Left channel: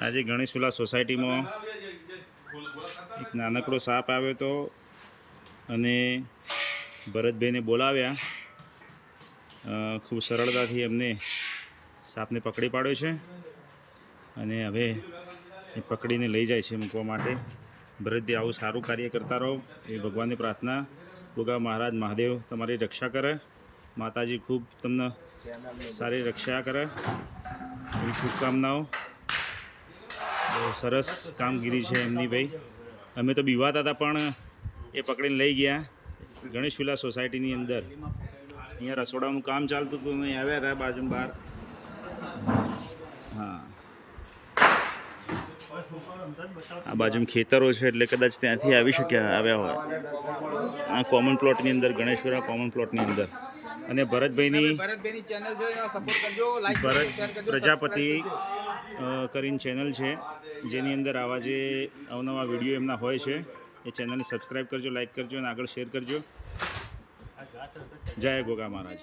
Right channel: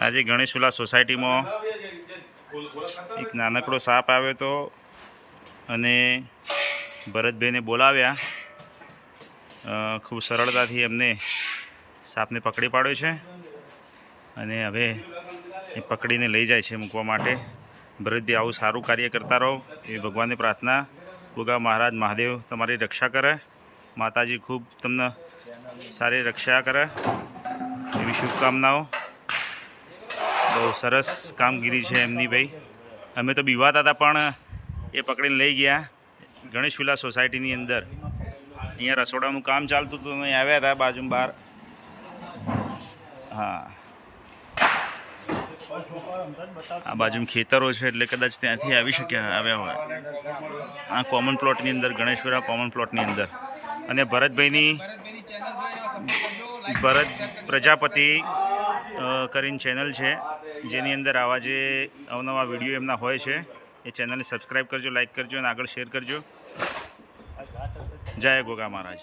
આજે ગણેશુલા સોસાયટીમાં એક નાનકડો સાપ આવ્યો હતો અને ભરતભાઈને બોલાવ્યા. ખૂબ સરળતાથી એમને સાપને પકડી પાડ્યો છે અને હવે એ પકડીને લઈ જાય છે મૂકવા માટે. ભરતભાઈ આવું સારું કાર્ય કરતા રહો એ ભગવાનને પ્રાર્થના. ગોગા મહારાજ મહાદેવ તમારી રક્ષા કરે, માતાજી ખૂબ તમને સારી રક્ષા કરે એવી શુભકામનાઓ. બહુ સરસ કામગીરી છે એમની ભાઈ. અમે તો બીવાતા હતા પણ એ પકડીને લઈ ગયા ગણેશવિલા સોસાયટીની અંદર. અહીંયા રસોડાનું કામ ચાલતું હતું, અહીં આવ્યા હતા બાજુમાં બહાર. હા, આ બાજુમાં ખેતરો છે એટલે કદાચ ત્યાંથી આવ્યા હોય. આ કોમન પ્લોટની અંદર, ગણેશવિલા કોમન પ્લોટની અંદર. અને ભરતભાઈની ભરત પ્રજાપતિ કરીને ચેનલ છે, જેની અંદર આવા જે અવનવા વિડીયો એમના હોય છે. એ ચેનલને સબસ્ક્રાઈબ કરજો, લાઈક કરજો અને આગળ શેર કરજો. જય ગોગા મહારાજ.